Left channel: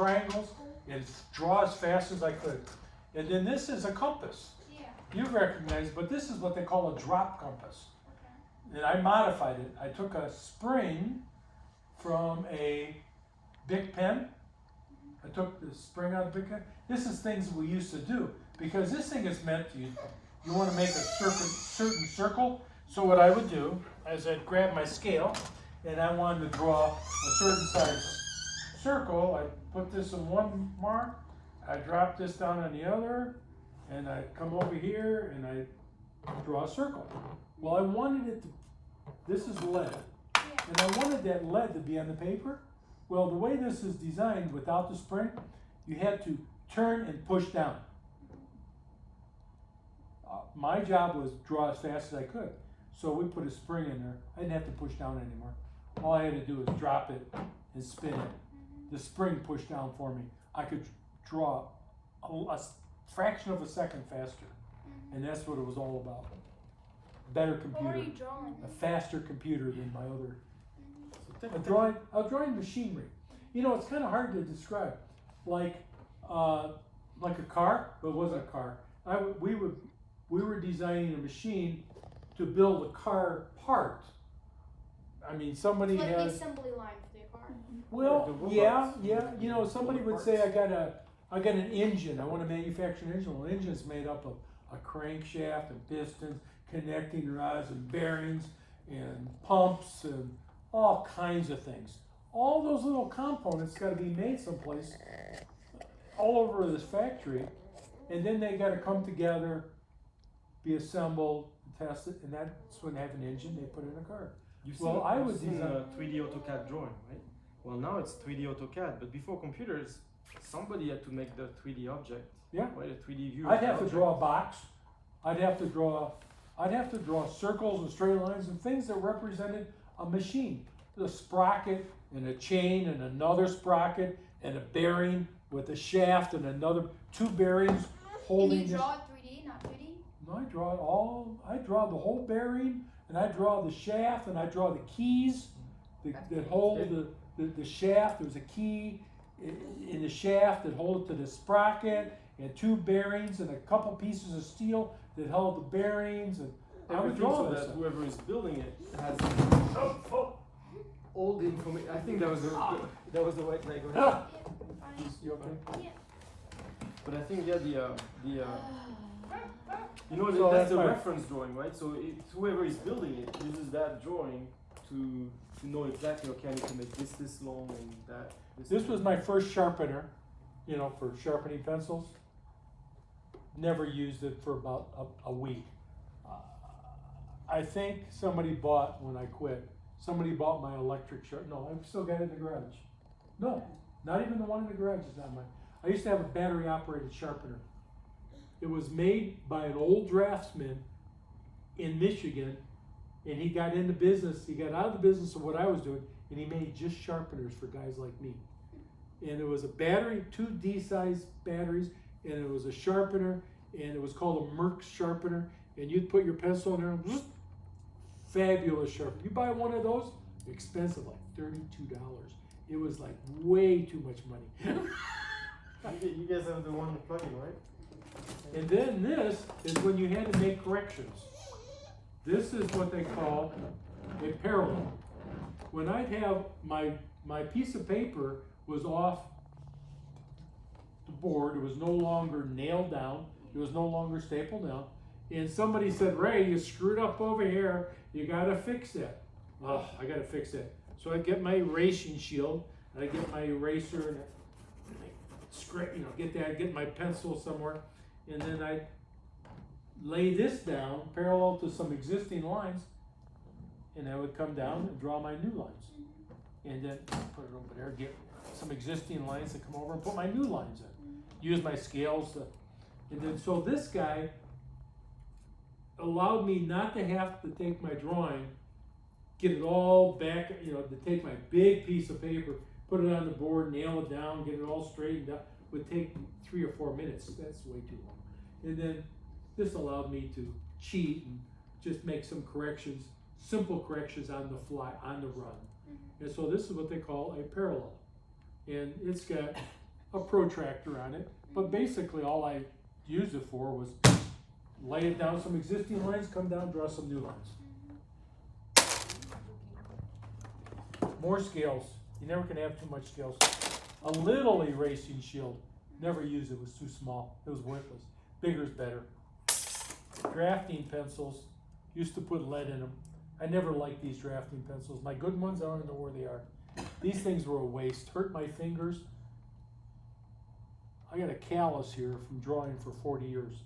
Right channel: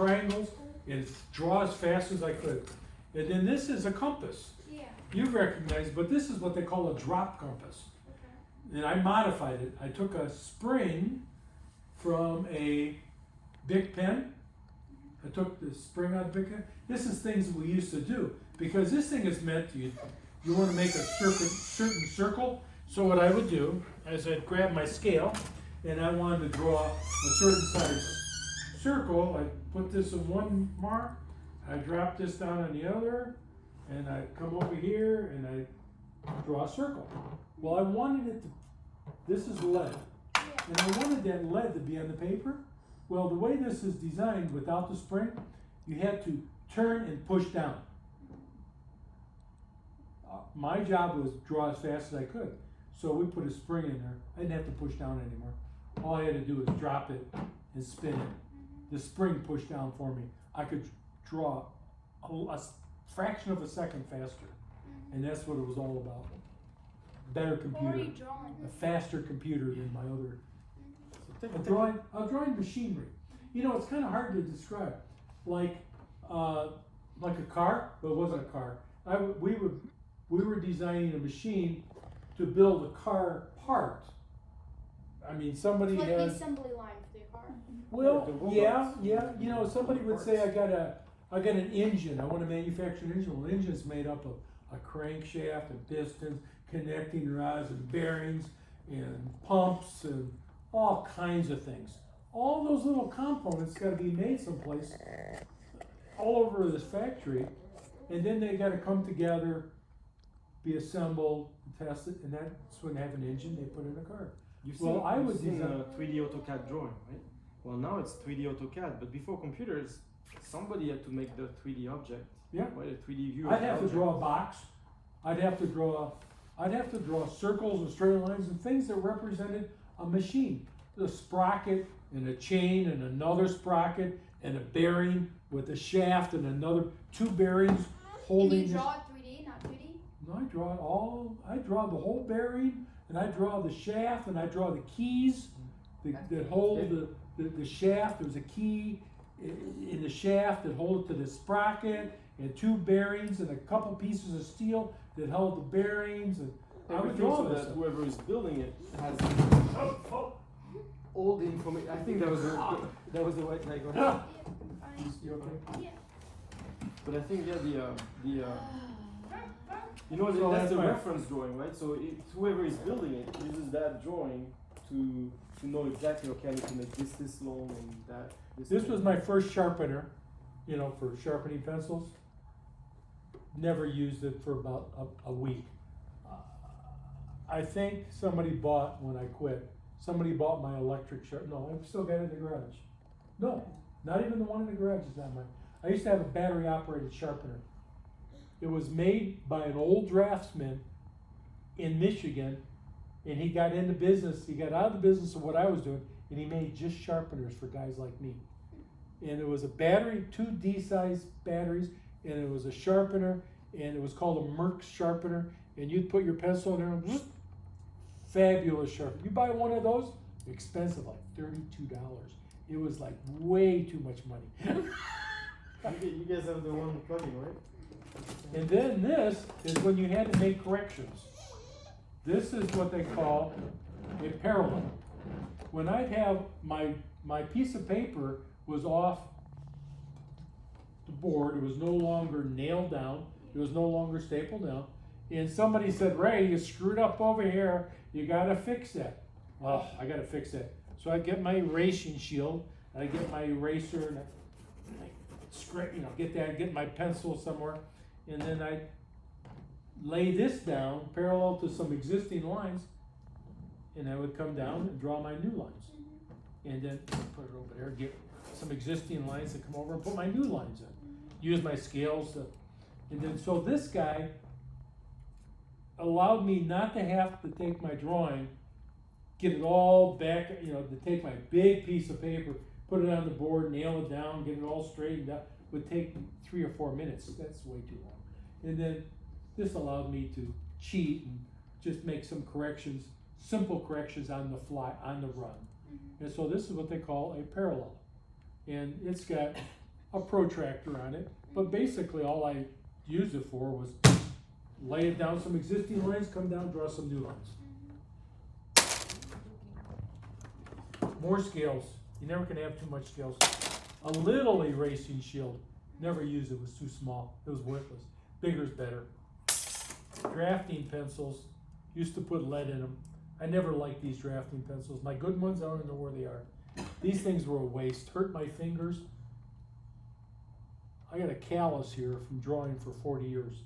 triangles and draw as fast as I could. And then this is a compass. Yeah. You recognize, but this is what they call a drop compass. Okay. And I modified it. I took a spring from a Bic pen. I took the spring out of Bic pen. This is things we used to do because this thing is meant to you want to make a certain circle. So what I would do is I'd grab my scale and I wanted to draw a certain size circle. I put this in one mark, I drop this down on the other, and I come over here and I draw a circle. Well, I wanted it to, this is lead, and I wanted that lead to be on the paper. Well, the way this is designed without the spring, you had to turn and push down. My job was draw as fast as I could. So we put a spring in there. I didn't have to push down anymore. All I had to do was drop it and spin it. The spring pushed down for me. I could draw a fraction of a second faster. And that's what it was all about. Better computer. What were you drawing? A faster computer than my other. I was drawing machinery. You know, it's kind of hard to describe. Like a car, but it wasn't a car. We were designing a machine to build a car part. I mean, somebody Like has. the assembly line for the car. Well, yeah. You know, somebody would say, I got an engine. I want to manufacture an engine. Well, an engine's made up of a crankshaft and pistons, connecting rods and bearings and pumps and all kinds of things. All those little components got to be made someplace, all over this factory, and then they got to come together, be assembled, tested, and that's when they have an engine they put in a car. You've Well, I would seen design- a 3D AutoCAD drawing, right? Well, now it's 3D AutoCAD, but before computers, somebody had to make the 3D object. Yeah. Right, a 3D view. I'd of the have to object. draw a box. I'd have to draw circles and straight lines and things that represented a machine. The sprocket and a chain and another sprocket and a bearing with a shaft and another two bearings Can holding you this. draw it 3D, not 2D? No, I draw the whole bearing and I draw the shaft and I draw the keys that hold the shaft. There's a key in the shaft that hold it to the sprocket and two bearings and a couple pieces of steel that held the bearings and I would Everything draw so that that stuff. whoever is building it has all the information. I think that was the right leg. Go ahead. Fine. You okay? Yeah. But I think you know, So that's that's the fine. reference drawing, right? So whoever is building it uses that drawing to know exactly, okay, I need to make this long and that. This was my first sharpener, you know, for sharpening pencils. Never used it for about a week. I think somebody bought, when I quit, somebody bought my electric no, I've still got it in the garage. No, not even the one in the garage is not mine. I used to have a battery operated sharpener. It was made by an old draftsman in Michigan, and he got into business, he got out of the business of what I was doing, and he made just sharpeners for guys like me. And it was a battery, two D-size batteries, and it was a sharpener, and it was called a Merck sharpener, and you'd put your pencil in there, and whoop, fabulous sharpener. You buy one of those, expensive, like $32. It was like way too much money. You guys have the one plug-in, right? And then this is when you had to make corrections. This is what they call a parallel. When I'd have my piece of paper was off the board, it was no longer nailed down, it was no longer stapled down, and somebody said, Ray, you screwed up over here, you gotta fix that. Oh, I gotta fix that. So I'd get my erasing shield, and I'd get my eraser, and I'd get my pencil somewhere, and then I'd lay this down parallel to some existing lines, and I would come down and draw my new lines. And then put it over there, get some existing lines and come over and put my new lines in. Use my scales to, and then so this guy allowed me not to have to take my drawing, get it all back, to take my big piece of paper, put it on the board, nail it down, get it all straightened out, would take 3 or 4 minutes. That's way too long. And then this allowed me to cheat and just make some corrections, simple corrections on the fly, on the run. And so this is what they call a parallel. And it's got a protractor on it, but basically all I used it for was lay it down some existing lines, come down, draw some new lines. More scales, you never can have too much scales. A little erasing shield, never used it, was too small, it was worthless. Bigger is better. Drafting pencils, used to put lead in them. I never liked these drafting pencils. My good ones, I don't even know where they are. These things were a waste, hurt my fingers. I got a callus here from drawing for 40 years.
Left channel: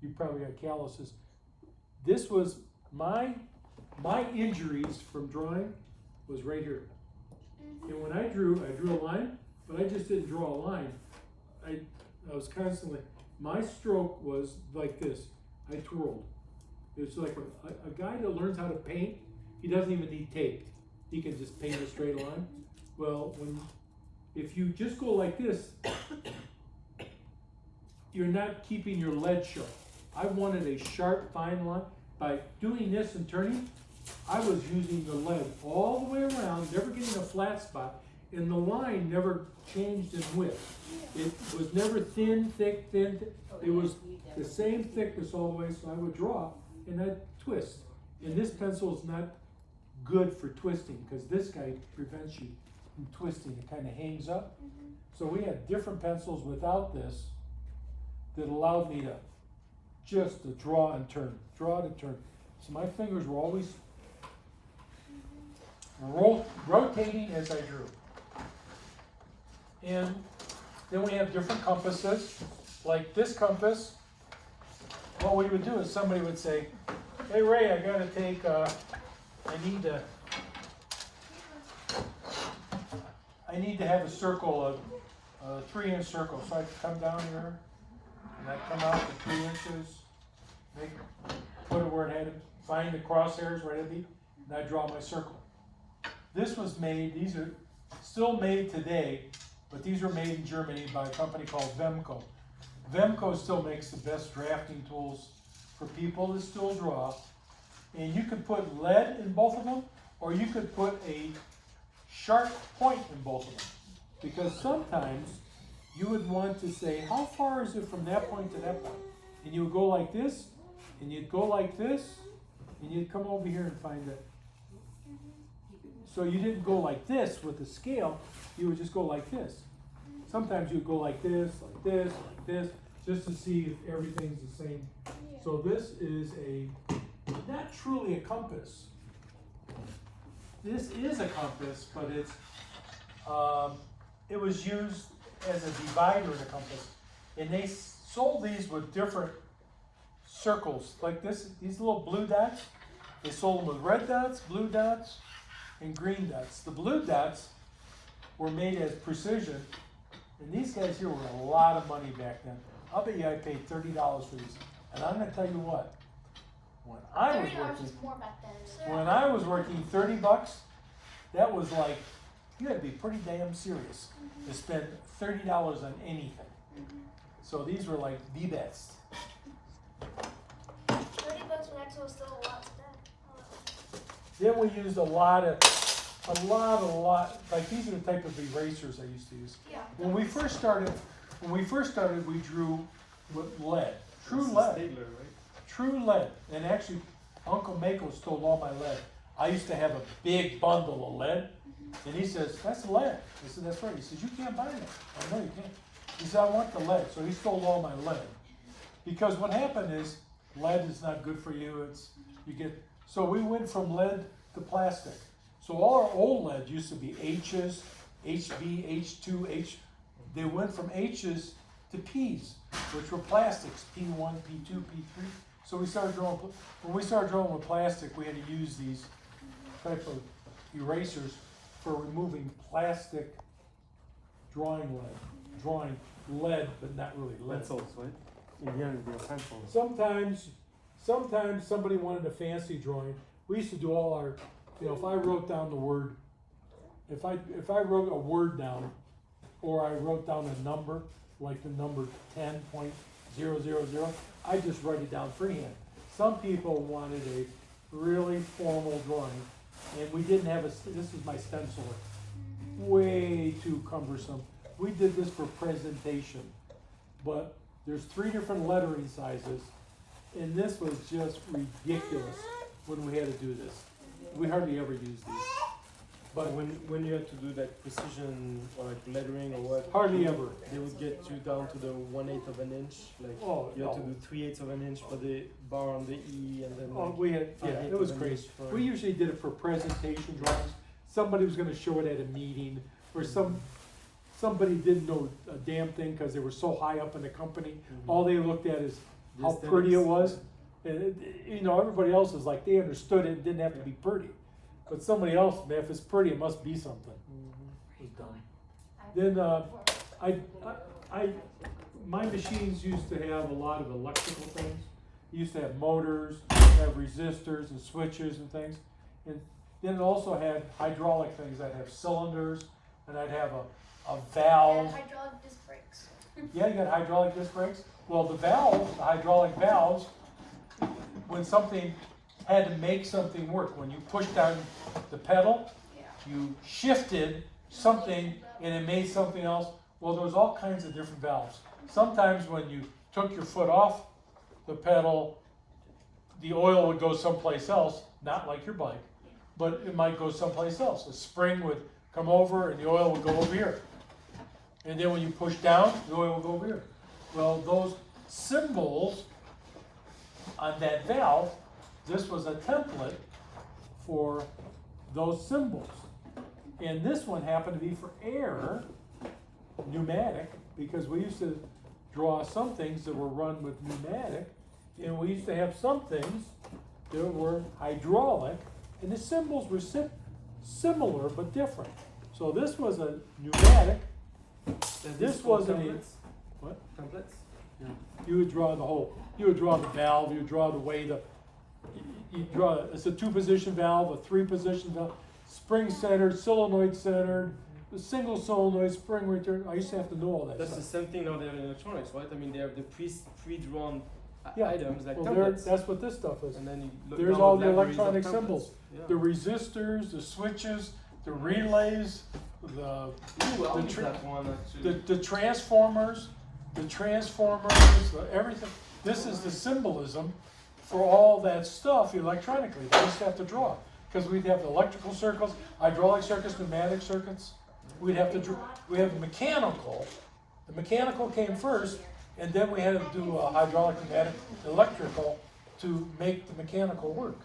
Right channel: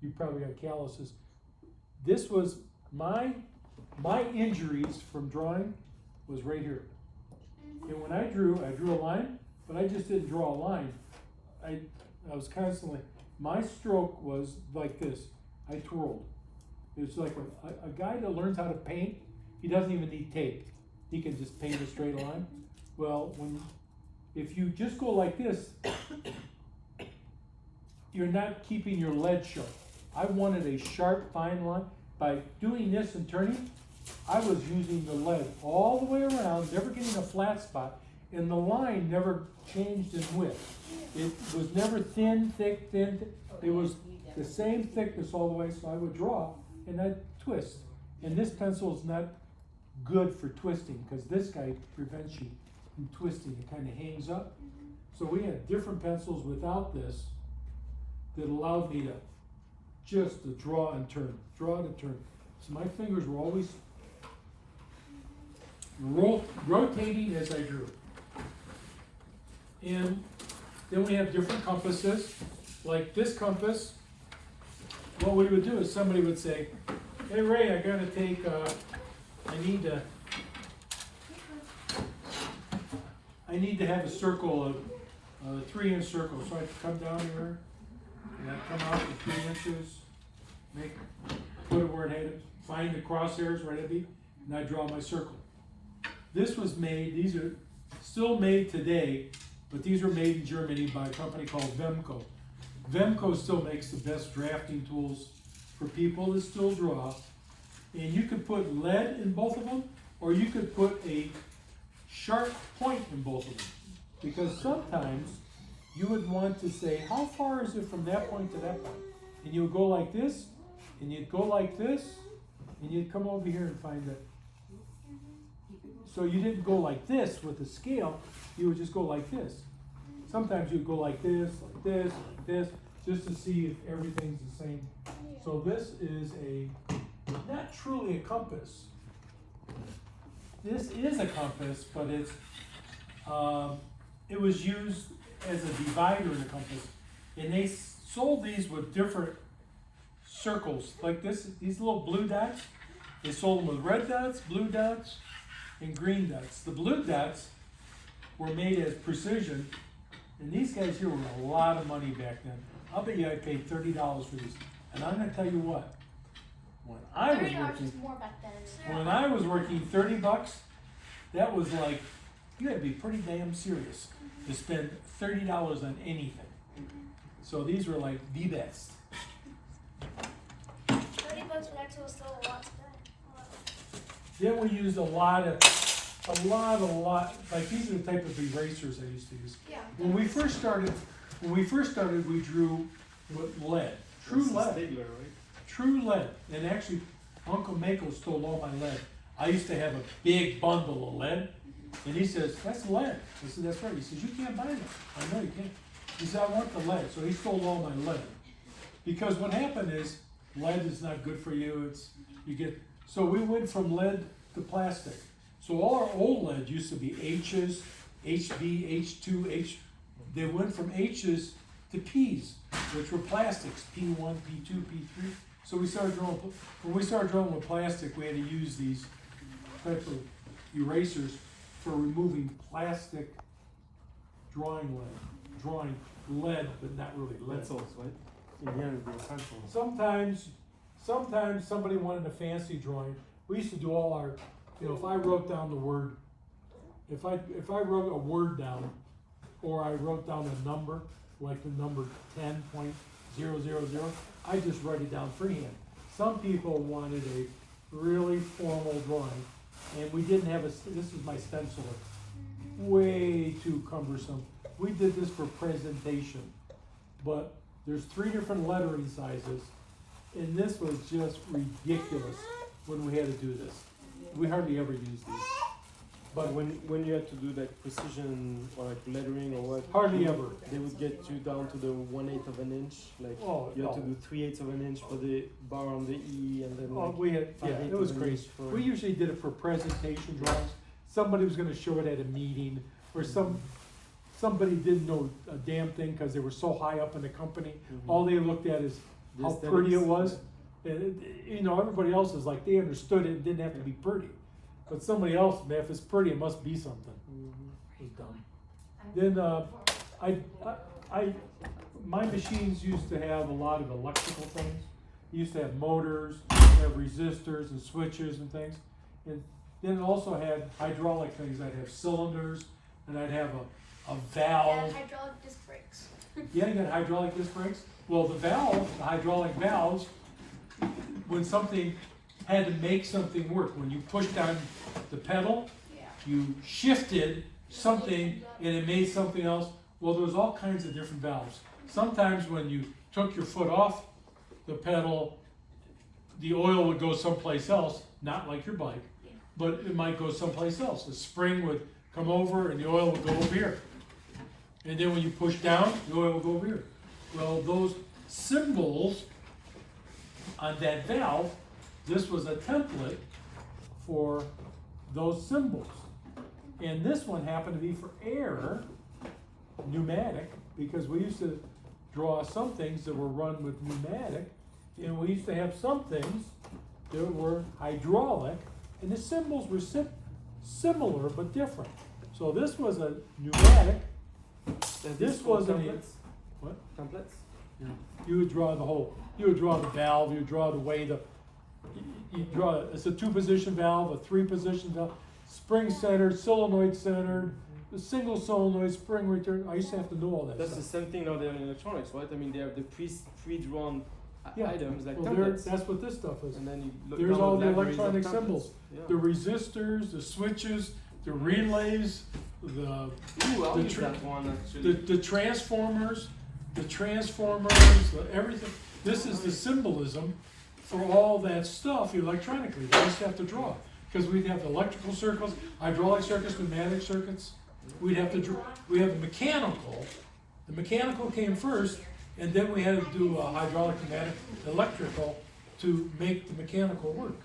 You probably got calluses. This was my injuries from drawing was right here. And when I drew a line, but I just didn't draw a line. I was constantly, my stroke was like this. I twirled. It's like a guy that learns how to paint, he doesn't even need tape. He can just paint a straight line. Well, if you just go like this, you're not keeping your lead sharp. I wanted a sharp, fine line. By doing this and turning, I was using the lead all the way around, never getting a flat spot, and the line never changed in width. It was never thin, thick, thin. It was the same thickness all the way, so I would draw and I'd twist. And this pencil is not good for twisting because this guy prevents you from twisting. It kind of hangs up. So we had different pencils without this that allowed me to just to draw and turn, draw to turn. So my fingers were always rotating as I drew. And then we have different compasses, like this compass. What we would do is somebody would say, hey Ray, I gotta take, I need to have a circle, a 3-inch circle. So I come down here, and I come out with 3 inches, put it where it had it, find the crosshairs where it had to be, and I draw my circle. This was made, these are still made today, but these were made in Germany by a company called Vemco. Vemco still makes the best drafting tools for people that still draw. And you could put lead in both of them, or you could put a sharp point in both of them. Because sometimes you would want to say, how far is it from that point to that point? And you would go like this, and you'd go like this, and you'd come over here and find it. So you didn't go like this with the scale, you would just go like this. Sometimes you'd go like this, like this, like this, just to see if everything's the same. So this is not truly a compass. This is a compass, but it was used as a divider in a compass. And they sold these with different circles, like this, these little blue dots. They sold them with red dots, blue dots, and green dots. The blue dots were made as precision, and these guys here were a lot of money back then. I'll bet you I paid $30 for these. And I'm gonna tell you what, when I was $30 working, was more back then. when I was working 30 bucks, that was like, you had to be pretty damn serious to spend $30 on anything. So these were like the best. $30 for that tool is still a lot to spend. Then we used a lot, like these are the type of erasers I used to use. Yeah. When we first started, we drew with lead, true This is lead, Stigler, right? true lead. And actually, Uncle Mako stole all my lead. I used to have a big bundle of lead, and he says, that's lead. I said, that's right. He says, you can't buy it. I know you can't. He said, I want the lead. So he stole all my lead. Because what happened is, lead is not good for you. So we went from lead to plastic. So all our old lead used to be H's, HB, H2, H. They went from H's to P's, which were plastics, P1, P2, P3. So we started drawing, when we started drawing with plastic, we had to use these type of erasers for removing plastic drawing lead, but not really lead. Pencils, right? In the end, they're pencils. Sometimes somebody wanted a fancy drawing. We used to do all our, if I wrote down the word, if I wrote a word down, or I wrote down a number, like the number 10.000, I just write it down freehand. Some people wanted a really formal drawing, and we didn't have this is my stenciler. Way too cumbersome. we did this for presentation, but there's 3 different lettering sizes, and this was just ridiculous when we had to do this. We hardly ever use these, But but when you had to do like precision or like lettering or what? hardly ever. They would get you down to the 1/8 of an inch. Like Oh, you had to no. do 3/8 of an inch for the bar on the E, and then Oh, like we had, yeah, 5/8 it was of an crazy. inch for. We usually did it for presentation drawings. Somebody was gonna show it at a meeting, or somebody didn't know a damn thing because they were so high up in the company. Mhm. All they looked at is The how pretty it aesthetics, was. And you know, everybody else is like, they understood it, it didn't have to be pretty. But somebody else, man, if it's pretty, it must be something. Mhm. It was dumb. Then, my machines used to have a lot of electrical things. It used to have motors, have resistors and switches and things. And then it also had hydraulic things. I'd have cylinders, and I'd have a Yeah, valve. hydraulic disc brakes. Yeah, you got hydraulic disc brakes. Well, the valves, the hydraulic valves, when something had to make something work, when you pushed down the pedal, Yeah. you shifted something and it made something else. Well, there's all kinds of different valves. Sometimes when you took your foot off the pedal, the oil would go someplace else, not like your bike, but it might go someplace else. The spring would come over and the oil would go over here. And then when you push down, the oil will go over here. Well, those symbols on that valve, this was a template for those symbols. And this one happened to be for air, pneumatic, because we used to draw some things that were run with pneumatic, and we used to have some things that were hydraulic, and the symbols were similar but different. So this was a pneumatic. This wasn't a, templates. what? Templates. You would draw the whole, you would draw the valve, you would draw the way you draw, it's a 2-position valve, a 3-position valve, spring centered, solenoid centered, the single solenoid, spring return. I used to have to know all that That's the stuff. same thing now there in electronics, right? I mean, they have the pre-drawn Yeah. items like Well, there, templates, that's what this stuff is. and then you look There's download all the libraries of electronic templates. symbols. Yeah. The resistors, the switches, the relays, the Ooh, I'll the use tr- that one actually. the transformers, everything. This is the symbolism for all that stuff electronically. We just have to draw. Because we'd have electrical circuits, hydraulic circuits, pneumatic circuits. We'd have to draw, we have mechanical. The mechanical came first, and then we had to do a hydraulic, pneumatic, electrical to make the mechanical work.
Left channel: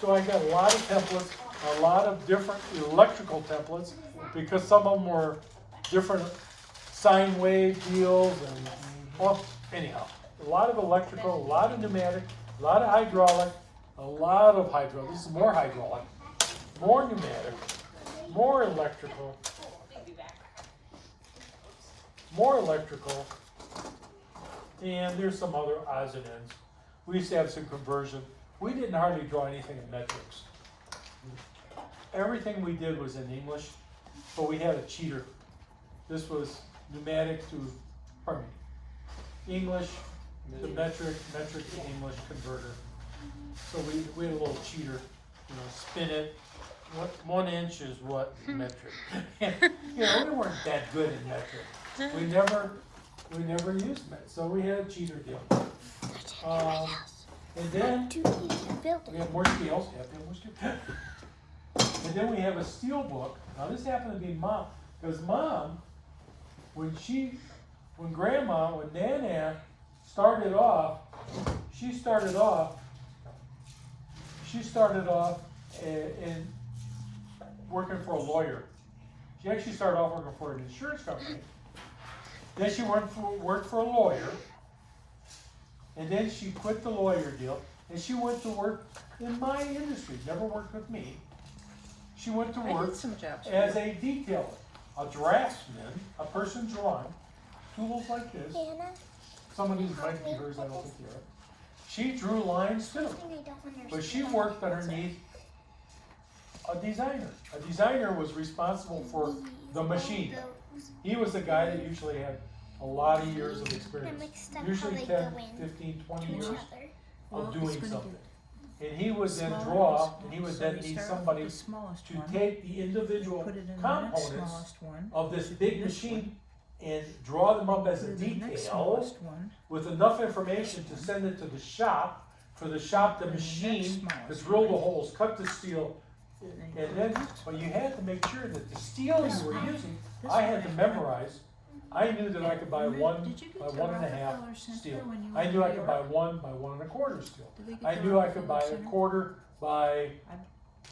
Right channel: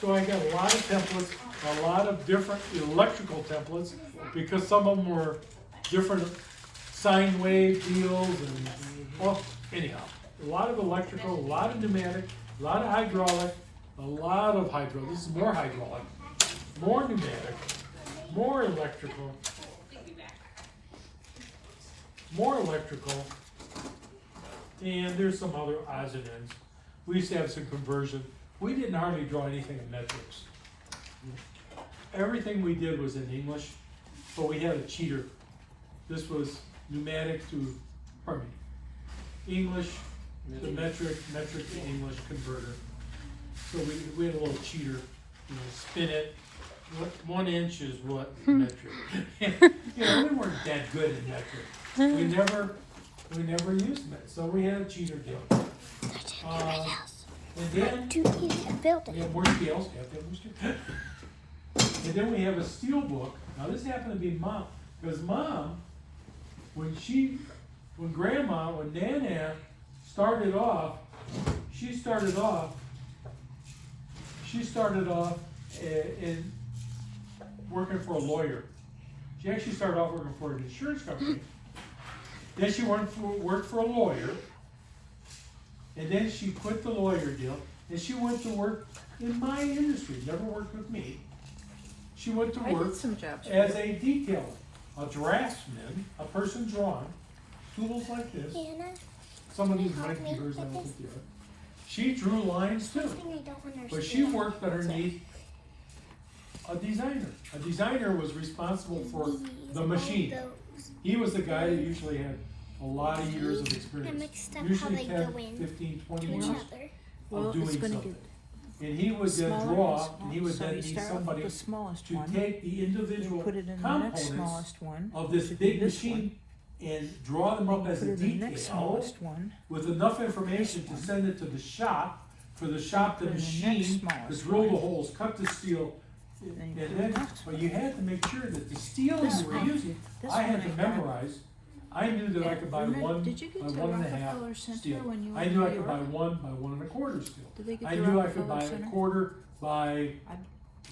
So I got a lot of templates, a lot of different electrical templates, because some of them were different sine wave deals and, well, anyhow, a lot of electrical, a lot of pneumatic, a lot of hydraulic, a lot of hydraulic. This is more hydraulic, more pneumatic, more electrical, and there's some other odds and ends. We used to have some conversion. We didn't hardly draw anything in metrics. Everything we did was in English, but we had a cheater. This was pneumatic to, pardon me, English to metric, metric to English converter. So we had a little cheater, spin it. What 1 inch is what metric? We weren't that good in metric. We never used it, so we had a cheater deal. And then we have more scales. And then we have a steel book. Now this happened to be Mom, because Mom, when Nana started off, she started off in working for a lawyer. She actually started off working for an insurance company. Then she worked for a lawyer. And then she quit the lawyer deal, and she went to work in my industry, never worked with me. She went to work as a detailer, a draftsman, a person drawing, tools like this. Hannah, Some of these might be hers, I don't think they are. She drew lines too, something I don't understand. but she worked underneath a designer. A designer was responsible for the machine. He was the guy that usually had a lot of years of I experience. mixed up how Usually they 10, go in 15, 20 to each years other. of doing something. and he would then Smaller draw, and and he would small. So then you need start off somebody with the smallest to one, take the you individual put it in the next components smallest one, of this which would be big this machine and draw them up one. as Put a it in the next detail smallest one, with enough information to send it to the shop, for the shop to Put it in the next machine, to smallest drill the one. holes, cut the steel, and then and you put it in then, the next but one. you had to make sure that the steel This you were one- using, This I one had to have. memorize. I knew that I could buy Remember- one Did you get by to 1.5 Rockefeller Center steel. when you were I in knew New I could buy York? one by 1.25 steel. Did they get I the knew I could Rockefeller buy a Center? quarter by,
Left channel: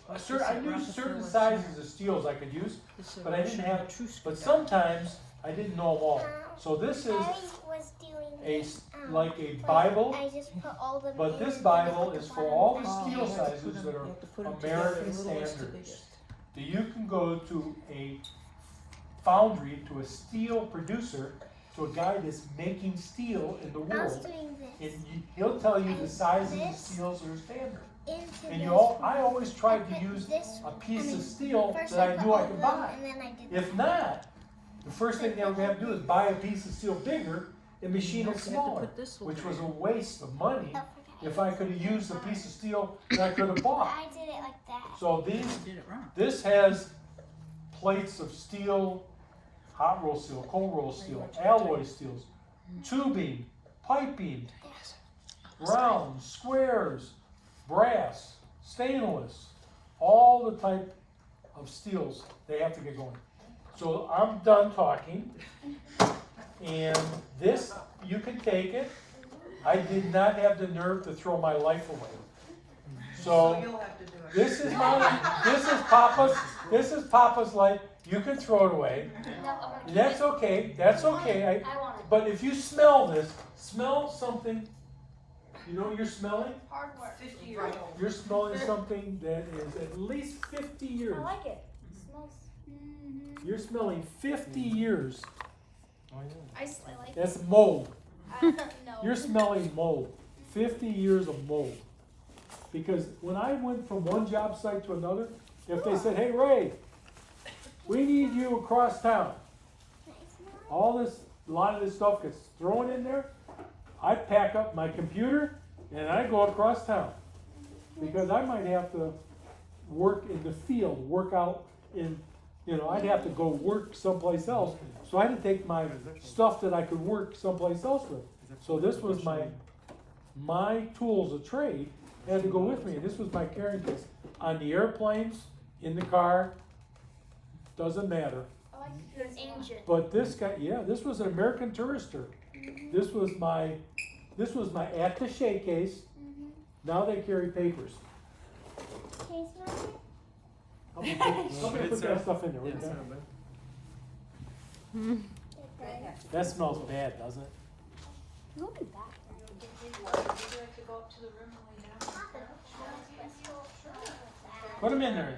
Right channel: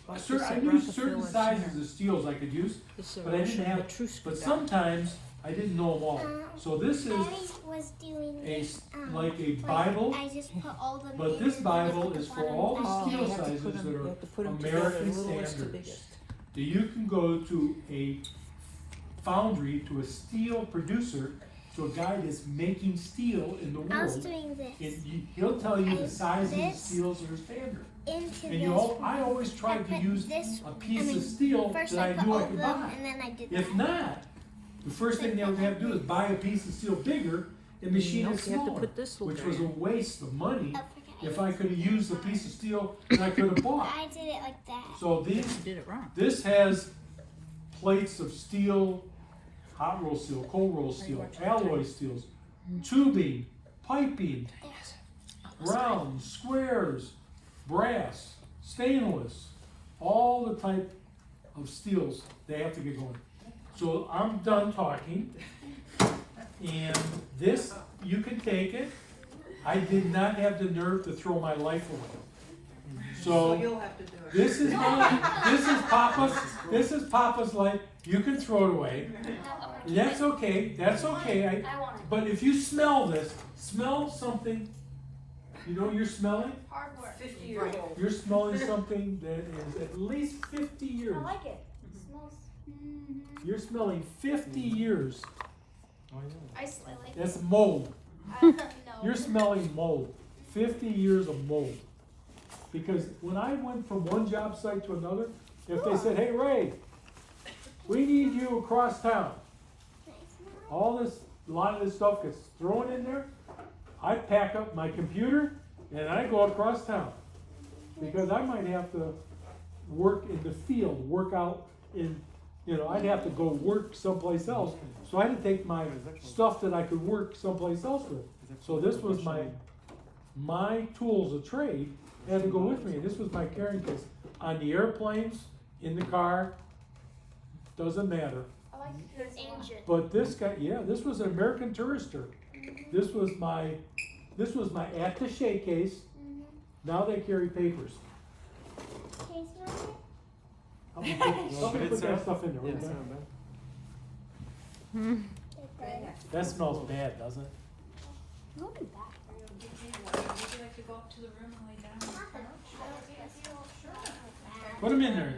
Bought certain, this I at knew certain Rockefeller sizes Center. of steels I could use, It's a but I didn't Russian have- Petrushka but dye. sometimes I didn't know them all. So this is I was doing a, like a like, Bible, I just put all them but in this and then I Bible put the is for bottom all the down. Oh, steel you have to put sizes them- that you are have to put them together, American the littlest to standards. biggest. that you can go to a foundry, to a steel producer, to a guy that's making steel in the I was world, doing this and he'll tell you the And sizes of this steels that are standard. into And this. you all, I one. always tried to put use this- a piece I mean, of steel First that I I put knew all I of could them buy. and then I did If that. not, the first thing they were gonna have to do is buy a piece of steel bigger and machine Nope, it you have to smaller, put this little which guy was a in. waste of money Oh, forgot. if I could have used a piece of steel that I could have bought. I did it like that. So You these, did it wrong. this has plates of steel, hot roll steel, cold roll steel, alloy steels, tubing, piping, round, squares, brass, stainless, all the type of steels they have to get going. So I'm done talking, and this, you can take it. I did not have the nerve to throw my life away. So You'll have to do it. this is Papa's life. You can throw it away. That's okay, that's okay. I want it. But if you smell this, smell something, you know what you're smelling? Hard work. 50 years old. You're smelling something that is at least 50 years. I like it. It smells. You're smelling 50 years. I like it. That's mold. No. You're smelling mold. 50 years of mold. Because when I went from one job site to another, if they said, hey Ray, we need you across town, all this, a lot of this stuff gets thrown in there, I pack up my computer and I go across town. Because I might have to work in the field, work out in, I'd have to go work someplace else. So I had to take my stuff that I could work someplace else with. So this was my tools of trade had to go with me. This was my carrying case. On the airplanes, in the car, doesn't matter. I like your engine. But this guy, yeah, this was an American Tourister. This was my attaché case. Now they carry papers. Can you smell it? I'm gonna put that stuff in there. Yeah, Okay? It That smells bad, doesn't it? does. Not bad. Would you like to go up to the room and lay down on the couch? Put them in there.